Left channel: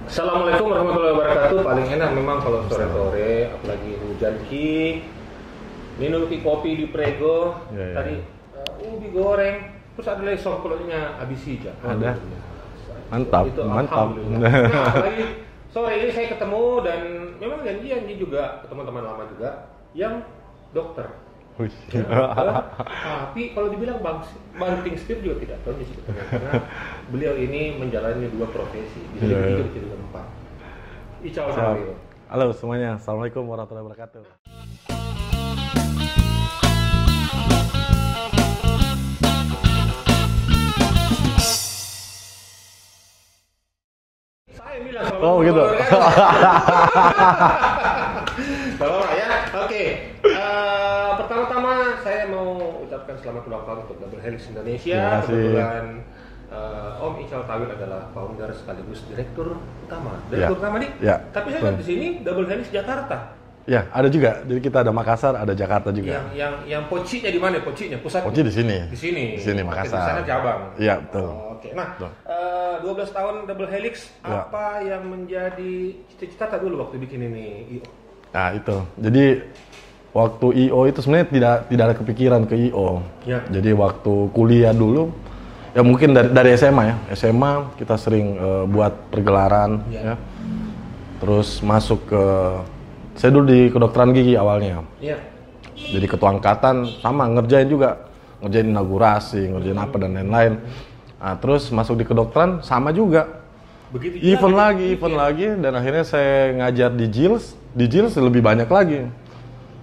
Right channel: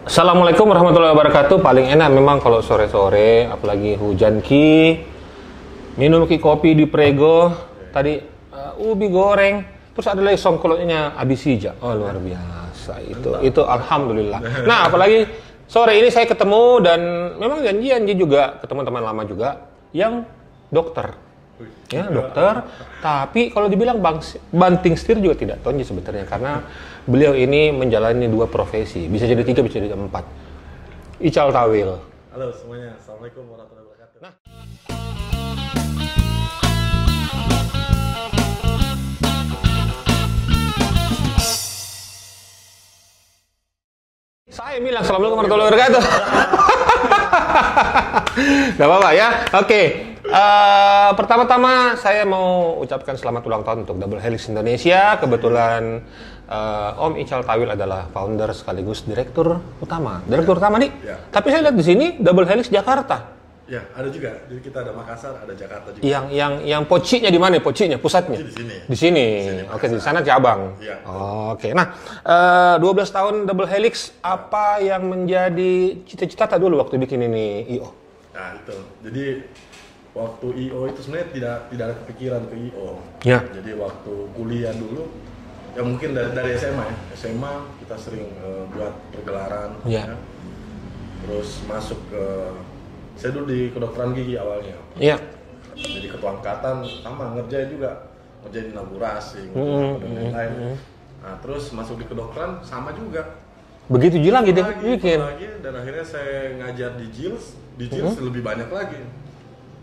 Assalamualaikum warahmatullahi wabarakatuh. Paling enak memang kalau sore-sore, apalagi hujan minum kopi di Prego. Tadi ubi goreng, terus ada lagi songkolotnya habis hijau. Oh, luar biasa itu. Mantap, Itu mantap. alhamdulillah. Nah, apalagi sore ini saya ketemu dan memang janji juga ketemu teman lama juga yang dokter. Ya, dokter. Tapi kalau dibilang banting setir juga tidak tonji sebetulnya karena beliau ini menjalani dua profesi, bisa jadi tiga, bisa jadi empat. Ical Tawil. Halo semuanya, assalamualaikum warahmatullahi wabarakatuh. Saya bilang assalamualaikum warahmatullahi wabarakatuh. Gak apa-apa ya. Oke. Pertama-tama saya mau ucapkan selamat ulang tahun untuk Double Helix Indonesia. Kebetulan Om Ical Tawil adalah founder sekaligus direktur utama. Direktur utama nih. Ya. Tapi saya lihat di sini Double Helix Jakarta. Ya, ada juga. Jadi kita ada Makassar, ada Jakarta juga. Yang pocinya di mana? Pocinya, pusatnya? Poci di sini. Di sini. Di sini, Oke, di Makassar. sana cabang. Iya, betul. Oke. Nah, 12 tahun Double Helix, apa yang menjadi cita-cita dulu waktu bikin ini IO? Nah, itu. Jadi waktu IO itu sebenarnya tidak ada kepikiran ke IO. Ya. Jadi waktu kuliah dulu, ya mungkin dari SMA ya. SMA kita sering buat pergelaran. Ya. Terus masuk ke... Saya dulu di kedokteran gigi awalnya. Iya. Jadi ketua angkatan sama ngerjain juga, ngerjain inaugurasi, ngerjain apa dan lain-lain. Nah, terus masuk di kedokteran sama juga. Begitu juga Event lagi, dan akhirnya saya ngajar di JILS. Di JILS lebih banyak lagi.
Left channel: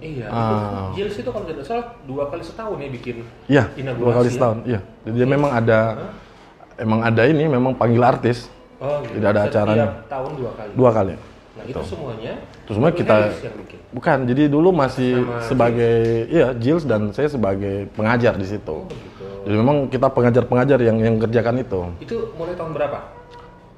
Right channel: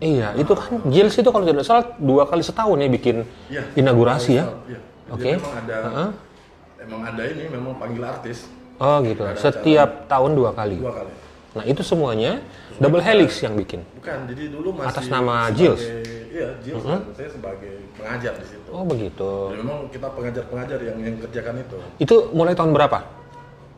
Iya, itu kan JILS itu kalau tidak salah 2 kali setahun ya bikin Iya, inaugurasi ya. setahun, iya. Jadi Oke. memang ada ini, memang panggil artis. Oh gitu. Tidak ada Setiap acaranya. tahun 2 kali. 2 kali. Nah, itu semuanya Terus Double kita- Helix yang bikin. Bukan, jadi dulu masih nama sebagai JILS dan saya sebagai pengajar di situ. Oh, begitu. Jadi memang kita pengajar-pengajar yang kerjakan itu. Itu mulai tahun berapa?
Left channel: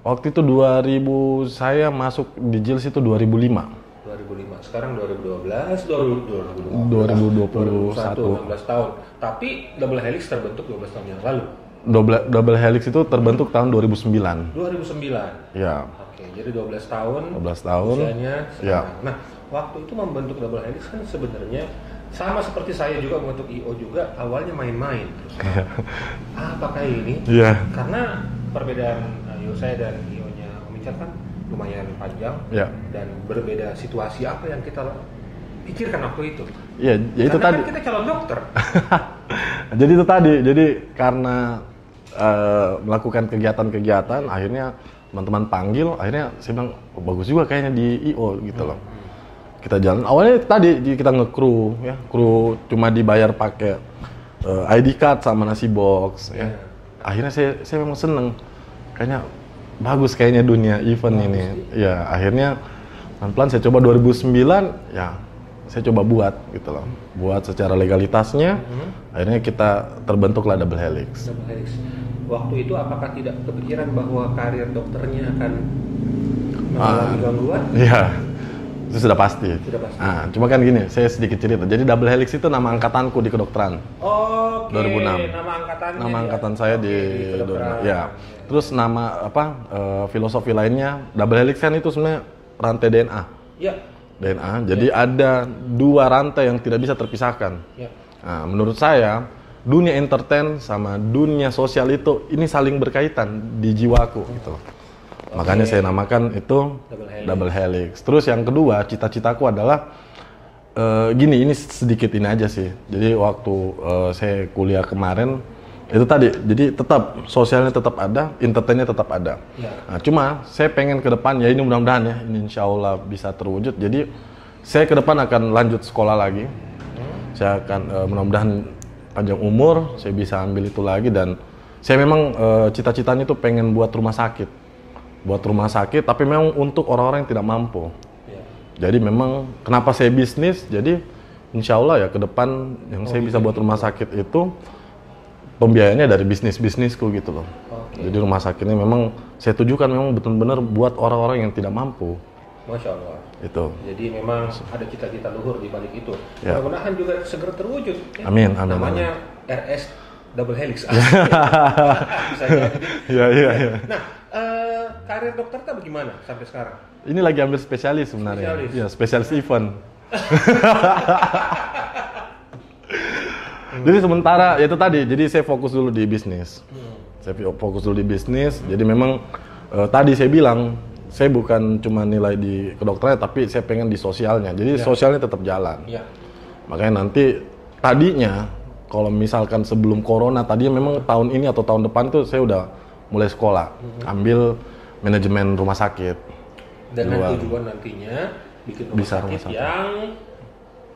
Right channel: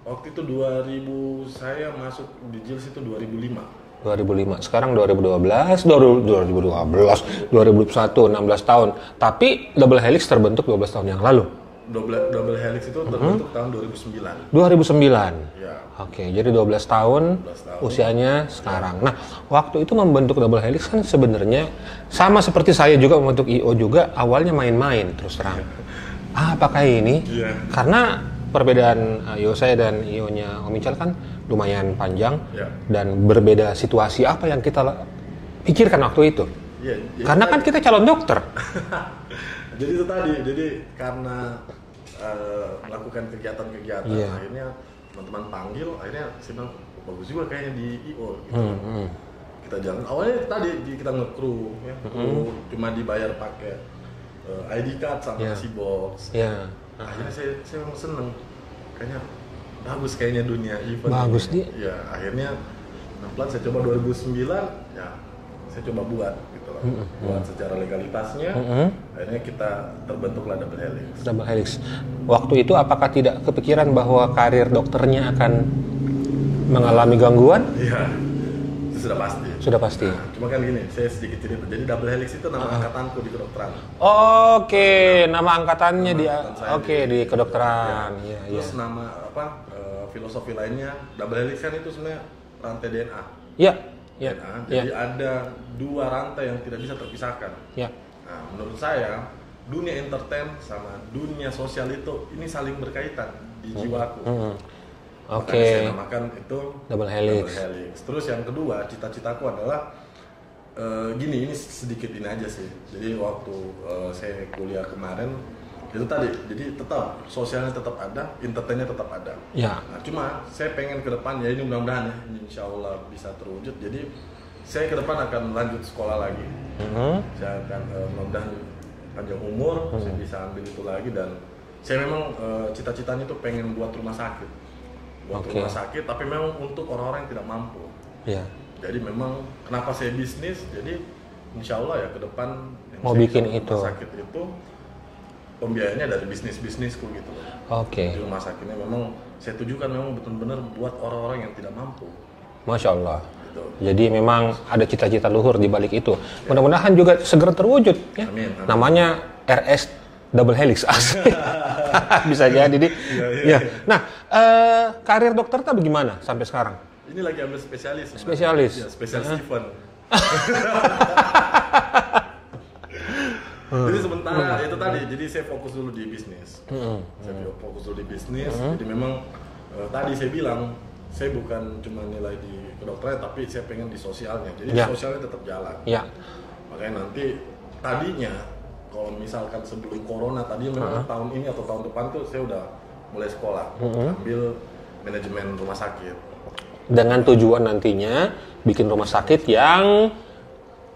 Waktu itu 2000, saya masuk di JILS itu 2005. 2005. Sekarang 2012, 2012, 2021, 16 tahun. Tapi Double Helix terbentuk 12 tahun yang lalu. Double Helix itu terbentuk tahun 2009. 2009. Ya, Oke, jadi 12 tahun, 12 tahun. usianya sekarang. Nah, waktu itu membentuk Double Helix kan sebenarnya sama seperti saya juga membentuk IO juga, awalnya main-main terus terang. Apakah ini? Iya. Karena perbedaan IO saya dan IO-nya Om Ical kan lumayan panjang Iya. dan berbeda situasi. Apa yang kita pikirkan waktu itu? Iya, ya itu Karena tadi. kan kita calon dokter. Jadi itu tadi, jadi karena melakukan kegiatan-kegiatan, akhirnya teman-teman panggil, akhirnya saya bilang, oh, bagus juga kayaknya di IO gitu loh. Kita jalan, awalnya tadi kita nge-crew, ya, crew cuma dibayar pakai ID card sama nasi box. Iya. Akhirnya saya memang seneng, kayaknya bagus kayaknya dunia event Bagus, ini. Ya, akhirnya pelan-pelan saya coba 2009, ya saya coba buat gitu loh, buat secara legalitasnya. Akhirnya kita terbentuklah Double Helix. Double Helix. Waktu itu apakah tidak kepikiran bahwa karir dokternya akan mengalami gangguan? Iya, itu sudah pasti. Sudah pasti. Nah, cuma kan gini, saya sedikit cerita. Jadi Double Helix itu nama angkatanku di kedokteran. Oke, 2006. nama angkatannya Nama angkatan saya di kedokteran. Ya. Iya, Terus nama filosofi lainnya Double Helix kan itu sebenarnya rantai DNA. Iya. DNA. Jadi ada 2 rantai yang tidak bisa terpisahkan. Ya. Nah, menurut saya dunia entertain sama dunia sosial itu ini saling berkaitan di jiwaku. Gitu. Makanya saya namakan itu Double Helix. Terus yang kedua, cita-citaku adalah gini, ini sedikit ini aja sih. Jadi waktu saya kuliah kemarin itu tadi, jadi tetap sosialnya tetap ada, entertainnya tetap ada. Ya. Nah, cuma saya pengen ke depan, ya ini mudah-mudahan ya, ini insya Allah bisa terwujud. Jadi saya ke depan akan lanjut sekolah lagi. Saya akan mudah-mudahan panjang umur, saya bisa ambil itu lagi, dan saya memang cita-citanya itu pengen buat rumah sakit. Buat rumah sakit, tapi memang untuk orang-orang yang tidak mampu. Iya. Jadi memang kenapa saya bisnis, jadi insya Allah ya ke depan yang Mau saya bisa bikin buat rumah itu. sakit itu pembiayaannya dari bisnisku gitu loh. Oke. Jadi rumah sakitnya memang saya tujukan memang benar-benar buat orang-orang yang tidak mampu. Masya Allah. Itu. Jadi memang ada cita-cita luhur di balik itu. Mudah-mudahan juga segera terwujud. Ya. Amin, amin. Namanya RS double helix. Bisa jadi nih. Iya. Nah, karir dokter tuh bagaimana sampai sekarang? Ini lagi ambil spesialis sebenarnya. Spesialis? Ya, spesialis event. Jadi sementara ya itu tadi, jadi saya fokus dulu di bisnis. Saya fokus dulu di bisnis. Jadi memang tadi saya bilang saya bukan cuma nilai di kedokteran, tapi saya pengen di sosialnya. Jadi sosialnya tetap jalan. Iya. Makanya nanti tadinya kalau misalkan sebelum corona tadinya memang tahun ini atau tahun depan tuh saya udah mulai sekolah, ambil manajemen rumah sakit. Dengan tujuan nantinya bikin rumah sakit yang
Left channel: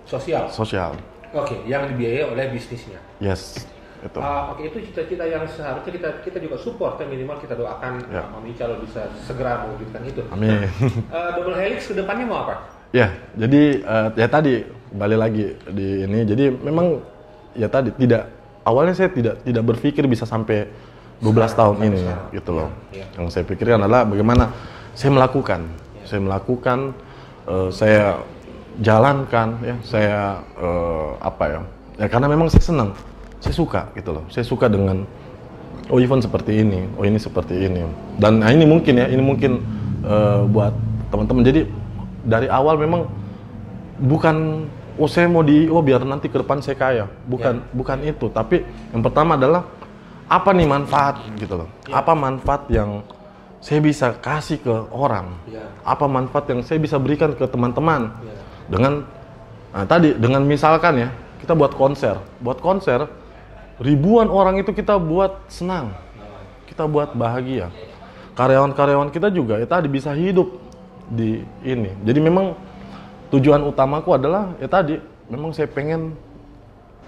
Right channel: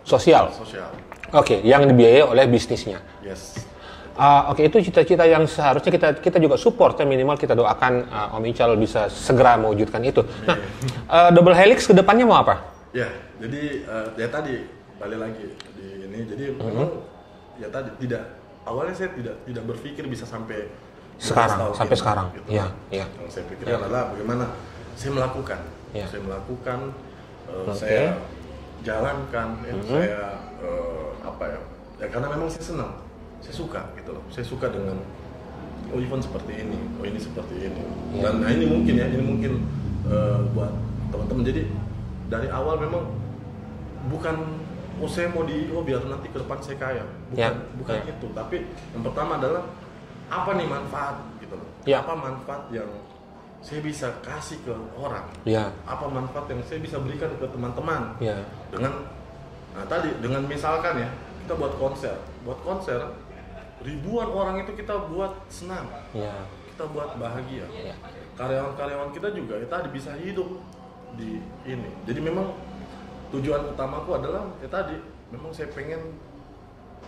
sosial. Sosial. Oke, yang dibiayai oleh bisnisnya. Yes. Gitu. Oke, itu cita-cita yang seharusnya kita juga support, ya, minimal kita doakan Om Ical bisa segera mewujudkan itu. Amin. Nah, double helix ke depannya mau apa? Ya, jadi ya tadi balik lagi di ini. Jadi memang ya tadi awalnya saya tidak berpikir bisa sampai 12 tahun sampai ini sekarang. gitu Ya, loh. ya. Yang saya pikirkan adalah bagaimana saya melakukan. Ya. Saya melakukan saya jalankan ya, saya apa ya? Ya karena memang saya senang. Saya suka gitu loh. Saya suka dengan event seperti ini, ini seperti ini. Dan ini mungkin buat teman-teman. Jadi dari awal memang bukan saya mau biar nanti ke depan saya kaya. Bukan itu, tapi yang pertama adalah apa nih manfaat gitu loh. Apa manfaat yang saya bisa kasih ke orang? Apa manfaat yang saya bisa berikan ke teman-teman? Dengan dengan misalkan ya, kita buat konser ribuan orang itu kita buat senang, kita buat bahagia. Karyawan-karyawan kita juga ya tadi bisa hidup di ini. Jadi memang tujuan utamaku adalah ya tadi memang saya pengen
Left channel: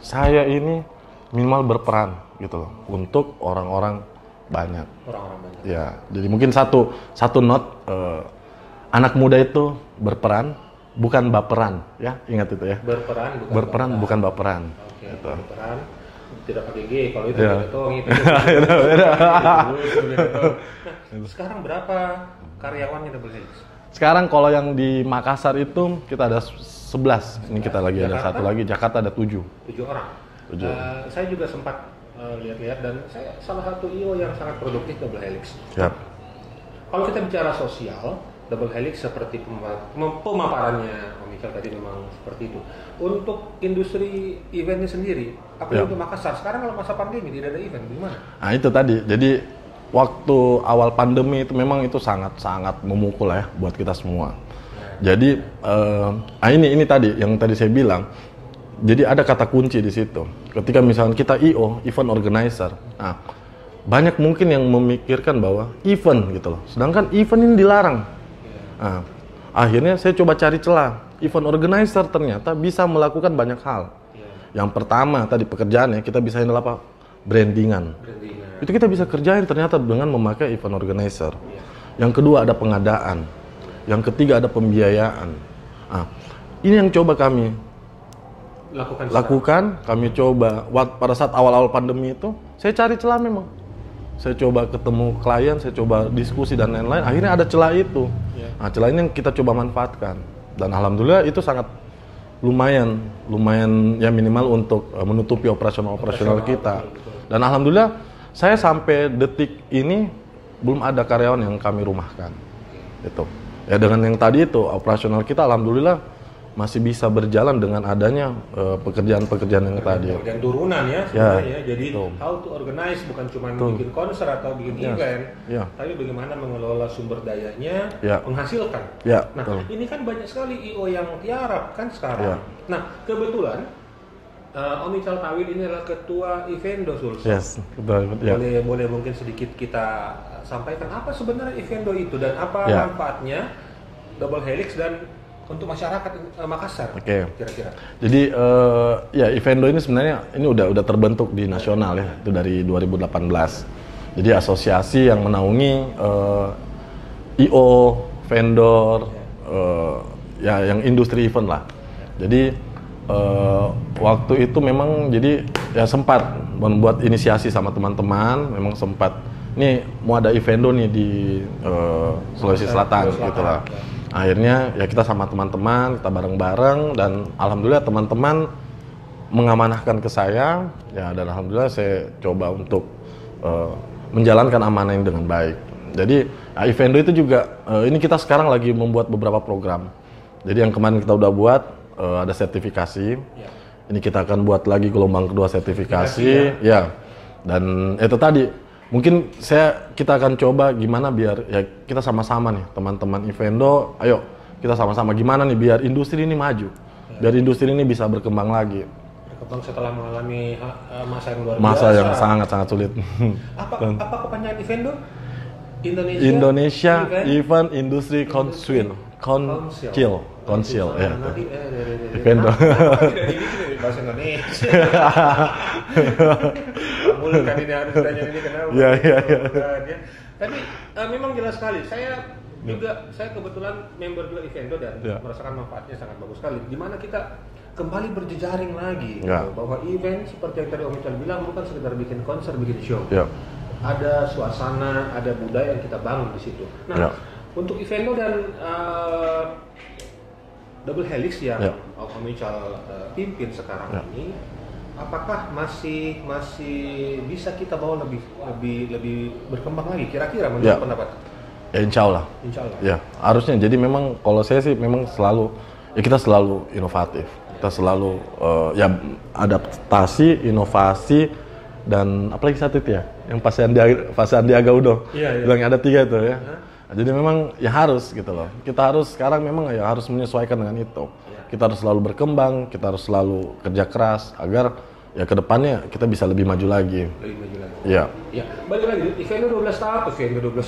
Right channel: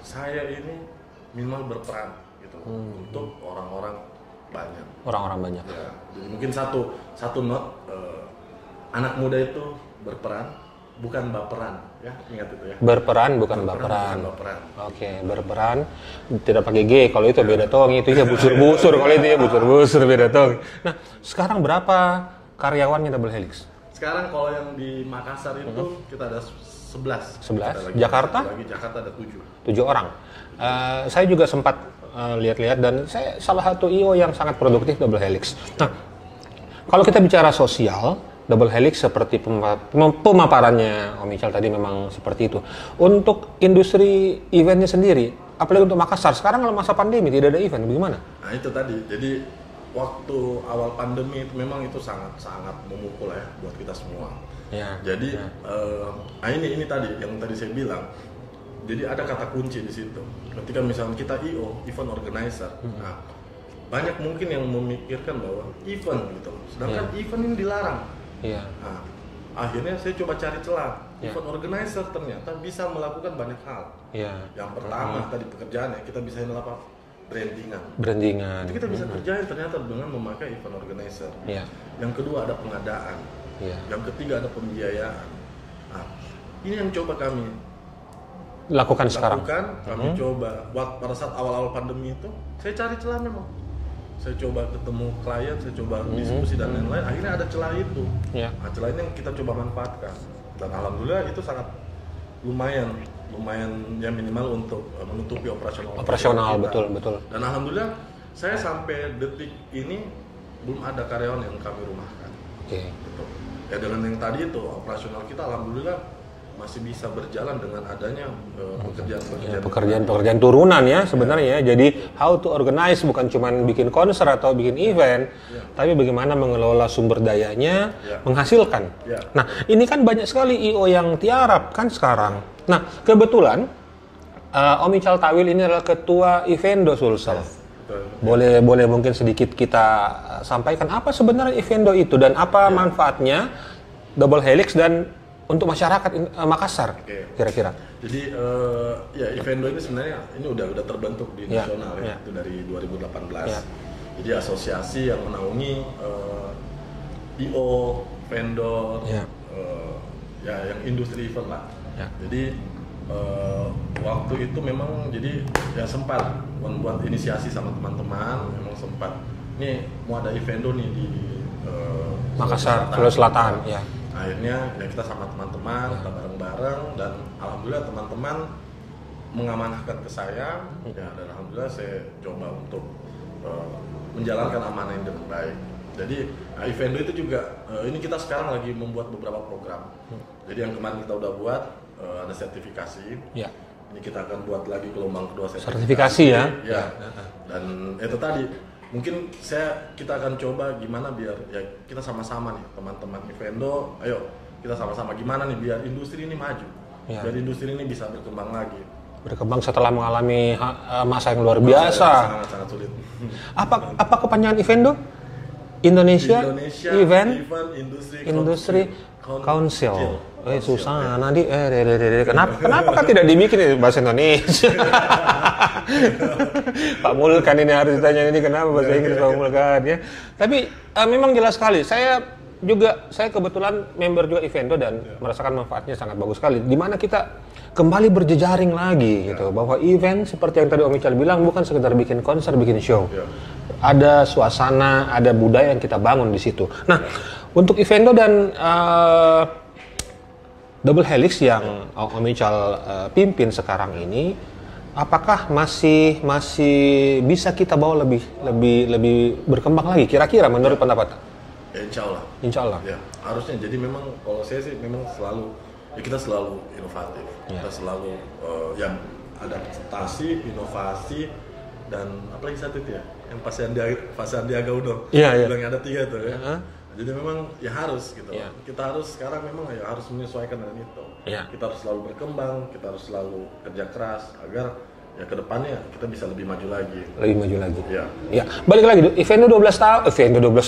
saya ini minimal berperan gitu loh untuk orang-orang banyak. Orang-orang banyak. Ya, jadi mungkin satu note anak muda itu berperan bukan baperan, ya ingat itu ya. Berperan bukan baperan. Oke, berperan tidak pakai G kalau itu beda tong, itu dia busur-busur kalau itu ya busur-busur beda tong. Nah, sekarang berapa karyawannya double helix? Sekarang kalau yang di Makassar itu kita ada 11. Kita lagi Jakarta? ada satu lagi, Jakarta ada 7. 7 orang. Saya juga sempat lihat-lihat dan saya salah satu IO yang sangat produktif double helix. Nah, kalau kita bicara sosial, double helix seperti pemaparannya Om Ical tadi memang seperti itu. Untuk industri eventnya sendiri, apalagi untuk Makassar, sekarang kalau masa pandemi tidak ada event, bagaimana? Nah itu tadi, jadi waktu awal pandemi itu memang itu sangat memukul ya buat kita semua. Jadi ini tadi yang tadi saya bilang, jadi ada kata kunci di situ. Ketika misalnya kita IO, event organizer, banyak mungkin yang memikirkan bahwa event gitu loh, sedangkan event ini dilarang. Nah, akhirnya saya coba cari celah. Event organizer ternyata bisa melakukan banyak hal. Yang pertama tadi pekerjaannya kita bisa handle apa? Brandingan. Itu kita bisa kerjain ternyata dengan memakai event organizer. Yang kedua ada pengadaan. Yang ketiga ada pembiayaan. Ini yang coba kami lakukan. Kami coba pada saat awal-awal pandemi itu, saya cari celah memang. Saya coba ketemu klien, saya coba diskusi dan lain-lain. Akhirnya ada celah itu. Nah, celah ini yang kita coba manfaatkan. Dan alhamdulillah itu sangat lumayan ya minimal untuk menutupi operasional kita. Betul. Dan alhamdulillah saya sampai detik ini belum ada karyawan yang kami rumahkan. Itu. Ya dengan yang tadi itu operasional kita alhamdulillah masih bisa berjalan dengan adanya pekerjaan turunan ya sebenarnya ya. Jadi how to organize bukan cuma bikin konser atau bikin event, tapi bagaimana mengelola sumber dayanya, menghasilkan. Nah, ini kan banyak sekali IO yang tiarap kan sekarang. Nah, kebetulan Om Ical Tawil ini adalah ketua Evendo Sulsel. Boleh mungkin sedikit kita sampaikan apa sebenarnya Evendo itu dan apa manfaatnya double helix dan untuk masyarakat Makassar, kira-kira. Jadi ya Evendo ini sebenarnya ini udah terbentuk di nasional ya, itu dari 2018. Jadi asosiasi yang menaungi IO, vendor, yang industri event lah. Jadi waktu itu memang jadi ya sempat membuat inisiasi sama teman-teman, memang sempat nih mau ada Evendo nih di Sulawesi Selatan. Akhirnya ya kita sama teman-teman, kita bareng-bareng dan alhamdulillah teman-teman mengamanahkan ke saya, ya dan alhamdulillah saya coba untuk menjalankan amanah ini dengan baik. Jadi Ivendo itu juga ini kita sekarang lagi membuat beberapa program. Jadi yang kemarin kita udah buat ada sertifikasi. Ya. Ini kita akan buat lagi gelombang kedua sertifikasi ya. Dan itu tadi mungkin kita akan coba gimana biar ya kita sama-sama nih teman-teman Ivendo, ayo kita sama-sama gimana nih biar industri ini maju. Ya. Biar industri ini bisa berkembang lagi. Berkembang setelah mengalami masa yang luar biasa. Masa yang sangat-sangat sulit. Apa kepanjangan Ivendo? Indonesia Event Industry Council. Susah, Nadi. Kenapa kan tidak dibikin bahasa Indonesia? Pak Mul kan ini harus ditanya ini kenapa bahasa Inggris Pak Mul kan ya. Tapi memang jelas sekali. Saya kebetulan member juga Ivendo dan merasakan manfaatnya sangat bagus sekali. Di mana kita kembali berjejaring lagi gitu. Bahwa event seperti yang tadi Om Ical bilang bukan sekedar bikin konser, bikin show. Ada suasana, ada budaya yang kita bangun di situ. Nah, untuk Ivendo dan Double Helix yang Om Ical pimpin sekarang ini, apakah masih bisa kita bawa lebih berkembang lagi kira-kira menurut pendapat? Ya, insya Allah. Ya, harusnya. Jadi memang kalau saya sih memang kita selalu inovatif. Kita selalu adaptasi, inovasi, dan apalagi satu itu ya, yang pas Sandiaga Uno. Bilang ada 3 itu ya. Jadi memang ya harus gitu loh. Kita harus sekarang memang ya harus menyesuaikan dengan itu. Kita harus selalu berkembang, kita harus selalu kerja keras agar ya kedepannya kita bisa lebih maju lagi. Ya. Balik lagi, Ivendo 12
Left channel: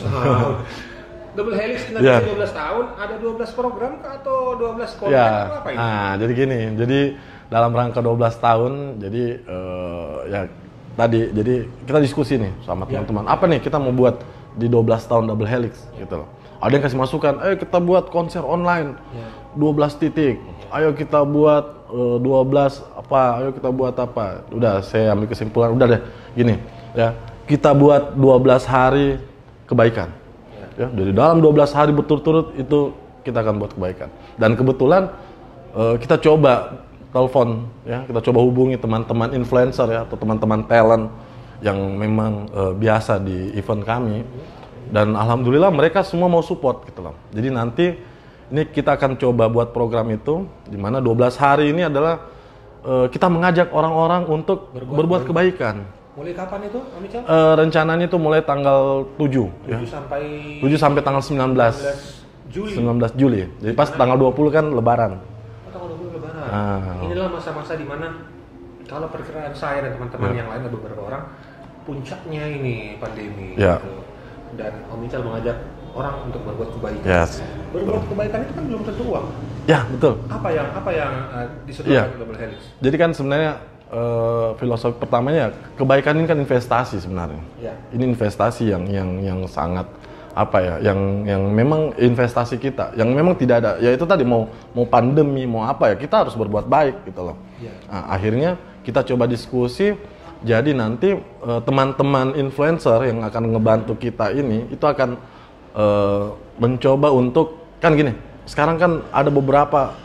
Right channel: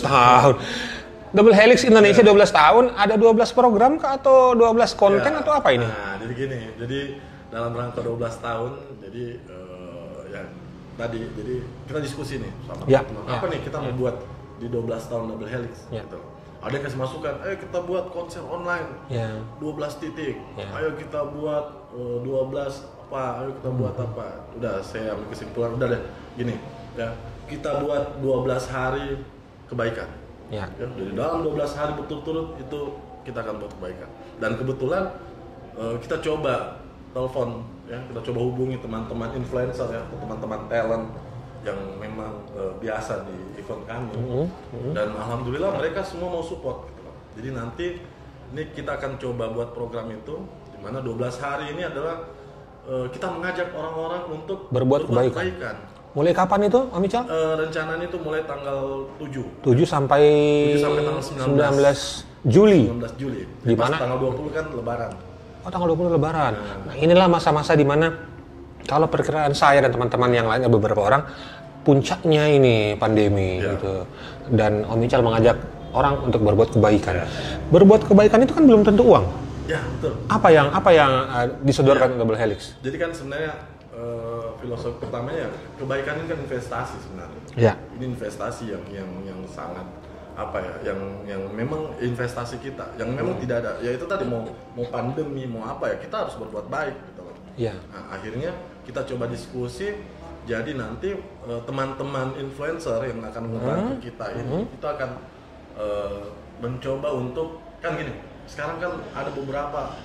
tahun. Double Helix Indonesia 12 tahun, ada 12 program kah atau 12 konten atau apa ini? Nah, jadi gini, jadi dalam rangka 12 tahun, jadi jadi kita diskusi nih sama teman-teman. Apa nih kita mau buat di 12 tahun Double Helix gitu loh. Ada yang kasih masukan, ayo kita buat konser online 12 titik. Ayo kita buat 12 apa, ayo kita buat apa. Udah saya ambil kesimpulan, udah deh gini ya. Kita buat 12 hari kebaikan. Ya, dari dalam 12 hari berturut-turut itu kita akan buat kebaikan. Dan kebetulan kita coba telepon ya, kita coba hubungi teman-teman influencer ya atau teman-teman talent yang memang biasa di event kami. Dan alhamdulillah mereka semua mau support gitu loh. Jadi nanti ini kita akan coba buat program itu di mana 12 hari ini adalah kita mengajak orang-orang untuk berbuat kebaikan. Mulai kapan itu, Om Ical? Rencananya itu mulai tanggal 7 sampai tanggal 19 Juli. Jadi pas tanggal 20 kan lebaran. Oh, tanggal 20 lebaran. Nah, inilah masa-masa di mana kalau perkiraan saya dan teman-teman yang lainnya beberapa orang puncaknya ini pandemi gitu. Dan Om Ical mengajak orang untuk berbuat kebaikan. Berbuat kebaikan itu kan belum tentu uang. Ya, betul. Apa yang disodorkan Double Helix? Jadi kan sebenarnya filosofi pertamanya kebaikan ini kan investasi sebenarnya. Ini investasi yang sangat yang memang investasi kita, yang memang tidak ada. Ya itu tadi mau pandemi mau apa ya kita harus berbuat baik gitu loh. Nah, akhirnya kita coba diskusi. Jadi nanti teman-teman influencer yang akan ngebantu kita ini itu akan mencoba untuk kan gini. Sekarang kan ada beberapa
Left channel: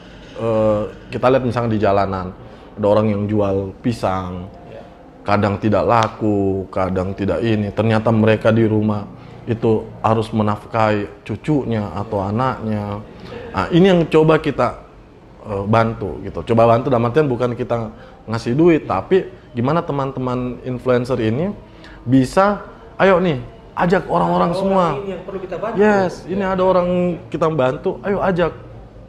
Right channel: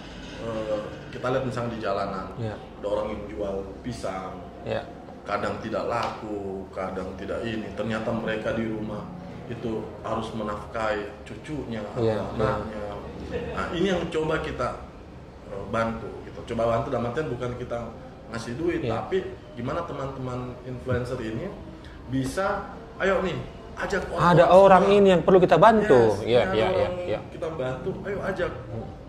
kita lihat misalnya di jalanan. Ada orang yang jual pisang, kadang tidak laku, kadang tidak ini. Ternyata mereka di rumah itu harus menafkahi cucunya atau anaknya. Nah, ini yang coba kita bantu gitu. Coba bantu dalam artian bukan kita ngasih duit, tapi gimana teman-teman influencer ini bisa, ayo nih, ajak orang-orang semua. Ada orang ini yang perlu kita bantu. Ini ada orang kita bantu, ayo ajak.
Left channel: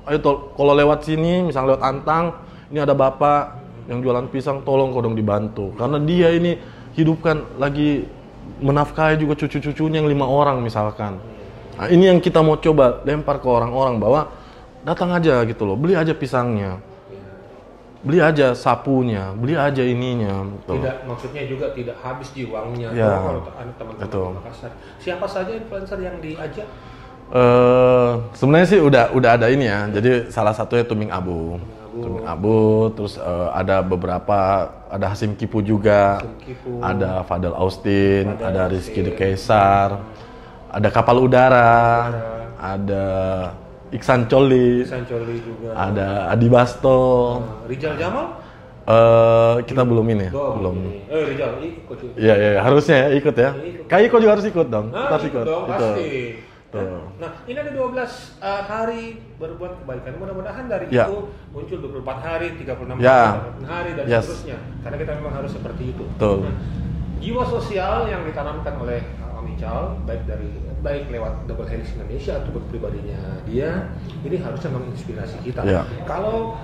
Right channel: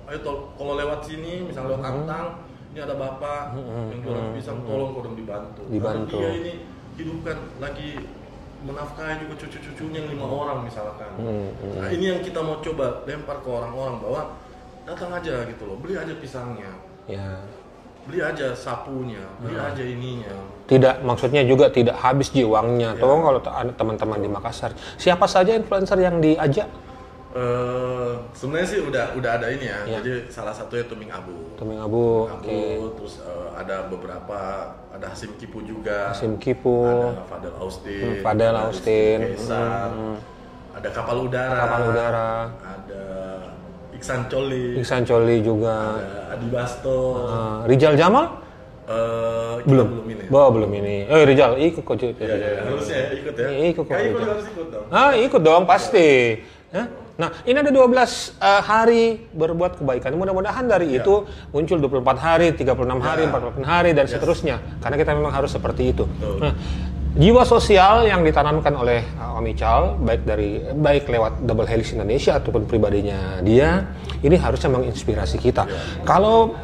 Ayo kalau lewat sini, misalnya lewat Antang, ini ada bapak yang jualan pisang, tolong kodong dibantu. Karena dia ini hidupkan lagi menafkahi juga cucu-cucunya yang 5 orang misalkan. Nah, ini yang kita mau coba lempar ke orang-orang bahwa datang aja gitu loh, beli aja pisangnya. Beli aja sapunya, beli aja ininya. Maksudnya juga tidak habis uangnya kalau teman-teman di Makassar. Siapa saja influencer yang diajak? Sebenarnya sih udah ada ini ya. Jadi salah satunya Tuming Abu, terus ada beberapa, ada Hasim Kipu juga. Ada Fadel Austin, ada Rizky Kaisar, ada Kapal Udara, ada Iksan Coli juga, ada Adi Basto, Rijal Jamal. Kita belum ini. Belum ini. Oh, Rizal ikut kok. Iya, harusnya ya ikut ya. Ikut. Kak Iko juga harus ikut dong. Ikut dong pasti. Nah, ini ada 12 hari berbuat kebaikan. Mudah-mudahan dari itu muncul 24 hari, 36 hari, 48 hari, dan seterusnya. Karena kita memang harus seperti itu. Betul. Nah, jiwa sosial yang ditanamkan oleh Om Ical, baik lewat Double Helix Indonesia ataupun pribadinya dia, ini harusnya menginspirasi kita. Kalau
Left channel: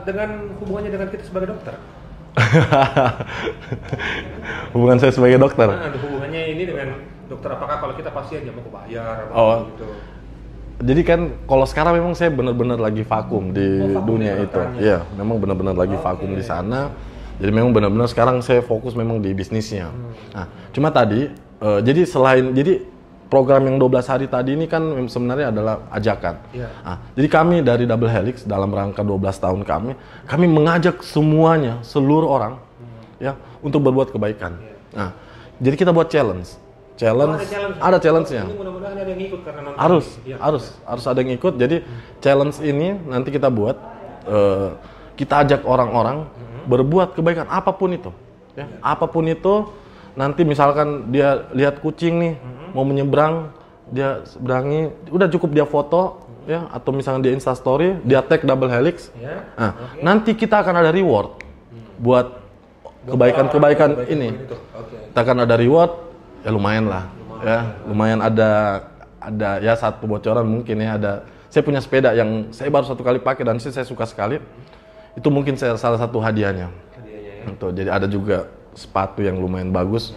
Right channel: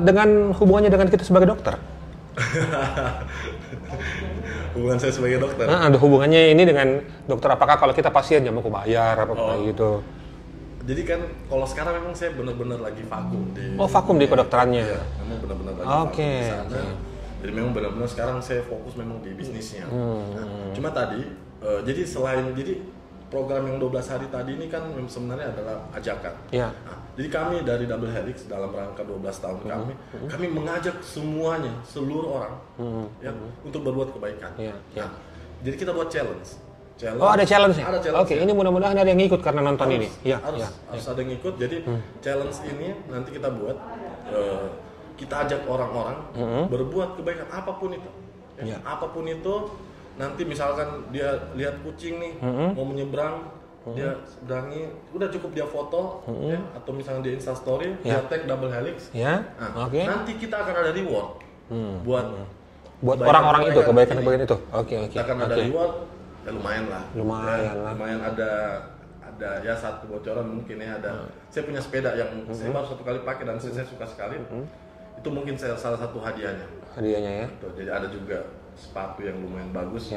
dengan hubungannya dengan kita sebagai dokter, hubungan saya sebagai dokter. Ada hubungannya ini dengan dokter, apakah kalau kita pasien yang mau bayar apa gitu? Jadi kan kalau sekarang memang saya benar-benar lagi vakum di vakum di kedokterannya. Iya, memang benar-benar lagi vakum di sana. Jadi memang benar-benar sekarang saya fokus memang di bisnisnya. Nah, cuma tadi jadi program yang 12 hari tadi ini kan sebenarnya adalah ajakan. Nah, jadi kami dari Double Helix dalam rangka 12 tahun kami mengajak seluruh orang ya untuk berbuat kebaikan. Nah, jadi kita buat challenge. Ada challenge. Ada challenge. Ini mudah-mudahan ada yang ikut karena nonton harus, ini. Harus ada yang ikut. Jadi challenge ini nanti kita buat kita ajak orang-orang berbuat kebaikan apapun itu. Apapun itu. Nanti misalkan dia lihat kucing nih mau menyeberang, dia seberangi, udah cukup dia foto ya, atau misalnya dia Instastory, dia tag Double Helix. Nanti kita akan ada reward buat kebaikan ini. Kita akan ada reward, ya lumayan lah. Lumayan ada ya satu bocoran mungkin ya, ada. Saya punya sepeda yang saya baru 1 kali pakai dan saya suka sekali. Itu mungkin salah satu hadiahnya. Ya. Jadi ada juga sepatu yang lumayan bagus,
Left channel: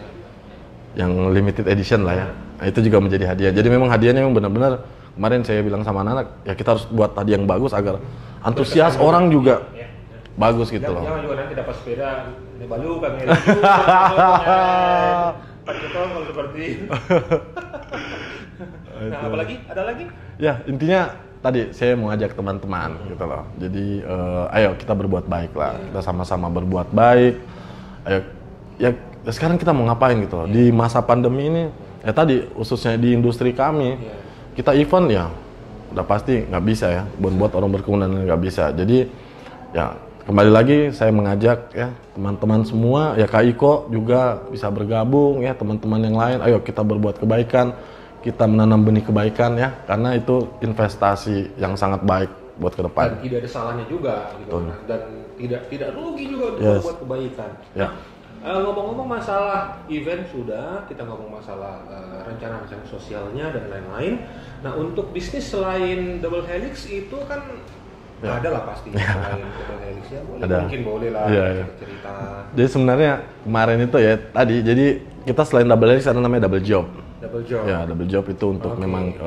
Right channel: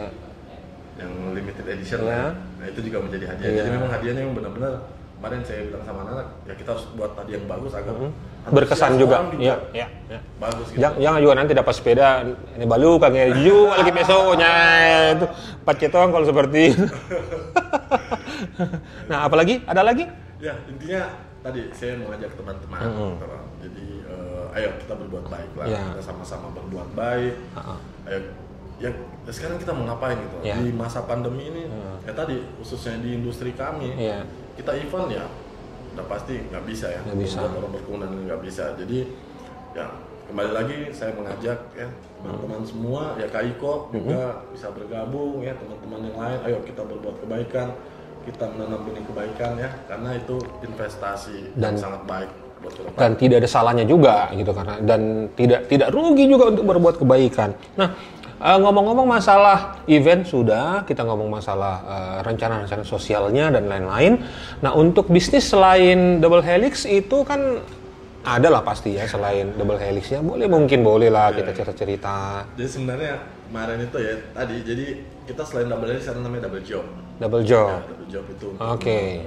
yang limited edition lah ya. Nah, itu juga menjadi hadiah. Jadi memang hadiahnya memang benar-benar, kemarin saya bilang sama anak-anak, ya kita harus buat hadiah yang bagus agar antusias orang juga bagus gitu. Jangan juga nanti dapat sepeda ini balu kagak hijau besoknya itu pakai tong kalau seperti itu. Nah, apalagi? Ada lagi? Ya, intinya tadi saya mau ajak teman-teman gitu loh. Jadi ayo kita berbuat baik lah. Kita sama-sama berbuat baik. Ayo ya sekarang kita mau ngapain gitu di masa pandemi ini. Ya tadi khususnya di industri kami, kita event ya udah pasti nggak bisa ya, buat orang berkerumun nggak bisa. Jadi ya kembali lagi saya mengajak ya teman-teman semua, ya Kak Iko juga bisa bergabung ya, teman-teman yang lain. Ayo kita berbuat kebaikan, kita menanam benih kebaikan ya, karena itu investasi yang sangat baik buat ke depan. Dan tidak ada salahnya juga gitu kan, dan tidak rugi juga untuk berbuat kebaikan. Nah, ngomong-ngomong masalah event sudah, kita ngomong masalah rencana-rencana sosialnya dan lain-lain. Nah, untuk bisnis selain Double Helix itu kan ada lah pasti ya, selain Double Helix ya, mungkin boleh lah kita cerita-cerita. Jadi sebenarnya kemarin itu ya tadi, jadi kita selain Double Helix ada namanya Double Job. Double Job. Ya, Double Job itu untuk memang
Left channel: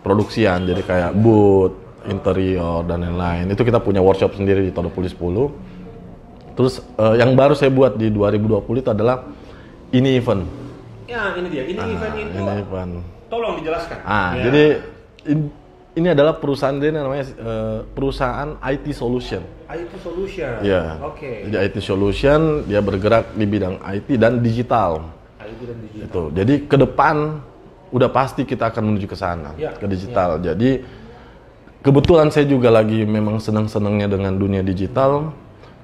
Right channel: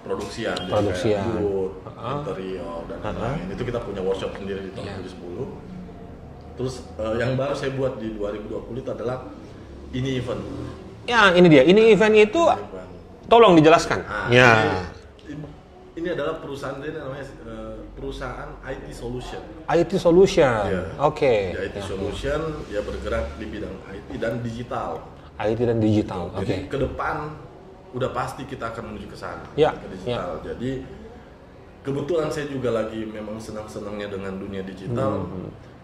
produksian, jadi kayak booth, interior dan lain-lain. Itu kita punya workshop sendiri di Todopuli 10. Terus yang baru saya buat di 2020 itu adalah ini event. Ya, ini dia. Ini event itu tolong dijelaskan. Jadi ini adalah perusahaan, dia namanya perusahaan IT Solution. IT Solution. Ya. Oke. Jadi IT Solution, dia bergerak di bidang IT dan digital. IT dan digital. Gitu. Jadi ke depan udah pasti kita akan menuju ke sana, ke digital. Jadi kebetulan saya juga lagi memang senang-senangnya dengan dunia digital.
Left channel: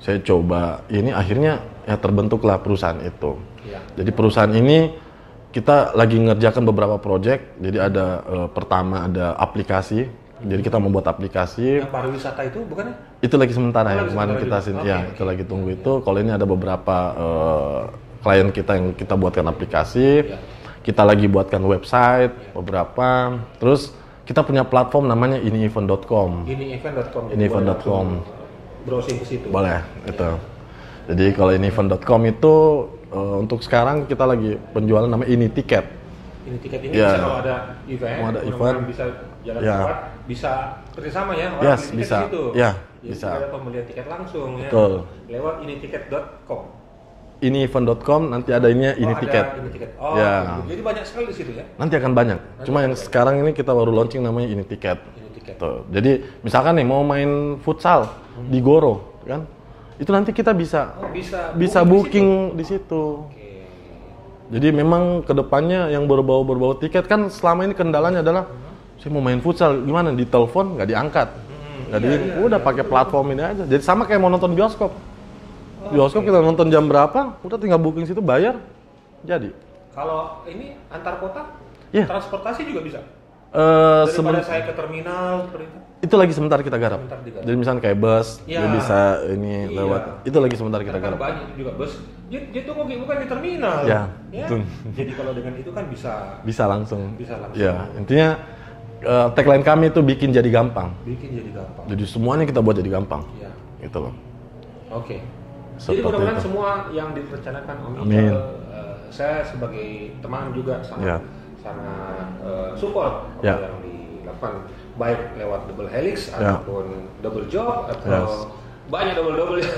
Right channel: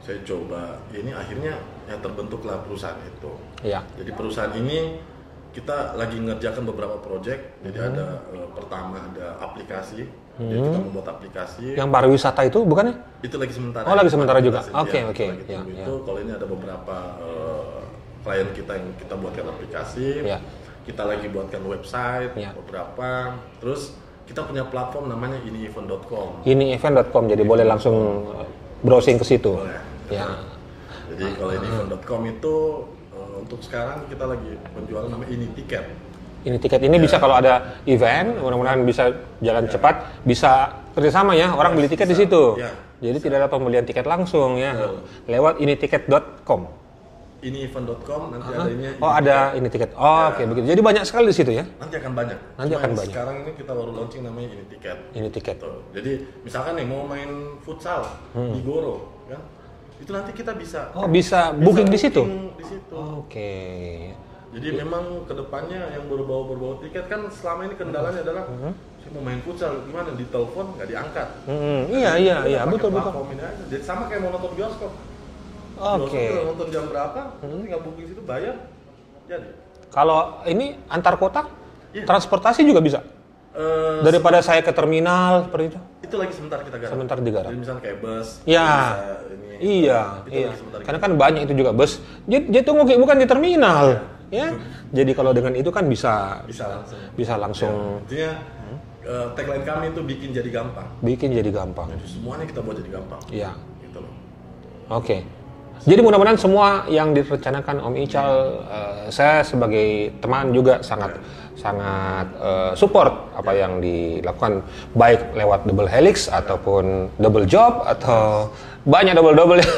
Saya coba ini, akhirnya ya terbentuklah perusahaan itu. Jadi perusahaan ini kita lagi ngerjakan beberapa project. Jadi ada pertama ada aplikasi. Jadi kita membuat aplikasi. Yang pariwisata itu bukan ya? Itu lagi sementara. Lagi sementara juga. Kita lagi tunggu itu. Kalau ini ada beberapa klien kita yang kita buatkan aplikasi. Kita lagi buatkan website beberapa. Terus kita punya platform namanya inievent.com. Inievent.com. Jadi boleh langsung browsing ke situ. Boleh, gitu. Jadi kalau inievent.com itu untuk sekarang kita lagi penjualan namanya ini tiket. Ini tiket ini bisa kalau ada event, mudah-mudahan bisa jalan cepat, bisa kerjasama ya, orang beli tiket bisa di situ. Jadi tidak ada pembelian tiket langsung ya, lewat initiket.com. Inievent.com nanti ada ini tiket. Ada ini tiket. Oke, begitu. Jadi banyak sekali di situ ya. Nanti akan banyak. Cuma yang sekarang ini kita baru launching namanya ini tiket. Ini tiket. Tuh. Jadi misalkan nih mau main futsal di Goro kan. Itu nanti kita bisa bisa booking di situ. Oke. Jadi memang kedepannya yang berbau tiket kan selama ini kendalanya adalah saya mau main futsal gimana, di telepon nggak diangkat. Jadi udah pakai platform ini aja. Jadi sama kayak mau nonton bioskop. Bioskop kita nonton jam berapa, udah tinggal booking situ, bayar, jadi. Kalau ini antar kota, Iya. transportasi juga bisa. Daripada saya ke terminal seperti itu. Itu lagi sebentar kita garap. Sebentar digarap. Jadi misalnya kayak bus, Ya. dia bisa ini. Iya. Itu lagi sebentar kita. Karena kan banyak itu juga bus. Jadi tunggu bukan di terminal. Ya. Ya. Jadi kalau dengan itu kan bisa langsung. bisa langsung Ya. Intinya tagline kami itu bikin jadi gampang. bikin jadi gampang. Jadi semuanya kita buat jadi gampang. Iya. Gitu loh. Oke. Jadi mudah-mudahan semua yang direncanakan Om Ical, saya sebagai teman juga sangat support apa yang dilakukan, baik lewat double helix ataupun double job atau banyak double ya.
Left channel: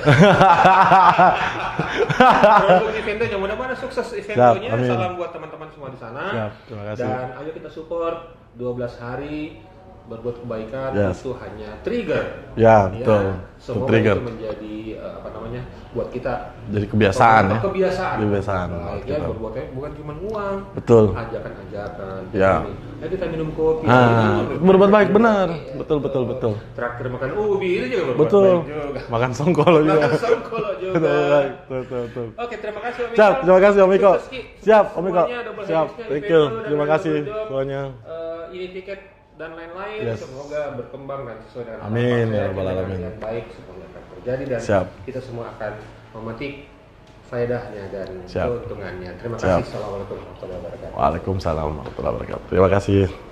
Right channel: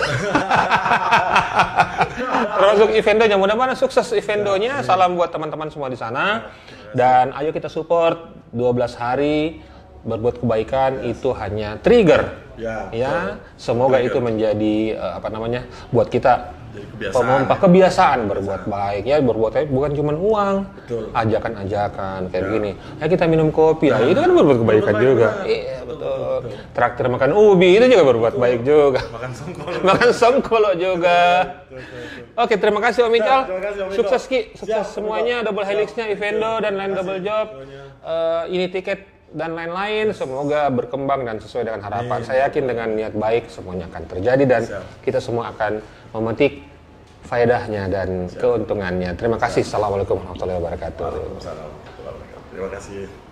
Termasuk Evendonya, mudah-mudahan sukses Evendonya. Salam buat teman-teman semua di sana. Dan ayo kita support 12 hari berbuat kebaikan itu hanya trigger. Ya, betul. Semoga trigger. itu menjadi buat kita Jadi kebiasaan. Kebiasaan berbuat baik ya, berbuat baik bukan cuma uang. Betul. Ajakan-ajakan kayak gini. Ya kita minum kopi, itu kan berbuat baik juga. benar. Betul. Traktir makan ubi itu juga berbuat baik juga. Makan songkolo juga. Makan songkolo juga. Betul. Oke, terima kasih Om Ical. Terima kasih Om Iko. Sukses Ki, sukses semuanya, double helixnya, Evendo dan lain double job. Ini tiket dan lain-lain, semoga berkembang dan sesuai dengan harapan. Saya yakin dengan niat baik semuanya akan terjadi dan kita semua akan memetik faedahnya dan keuntungannya. Terima kasih. Assalamualaikum warahmatullahi wabarakatuh. Waalaikumsalam warahmatullahi wabarakatuh. Terima kasih.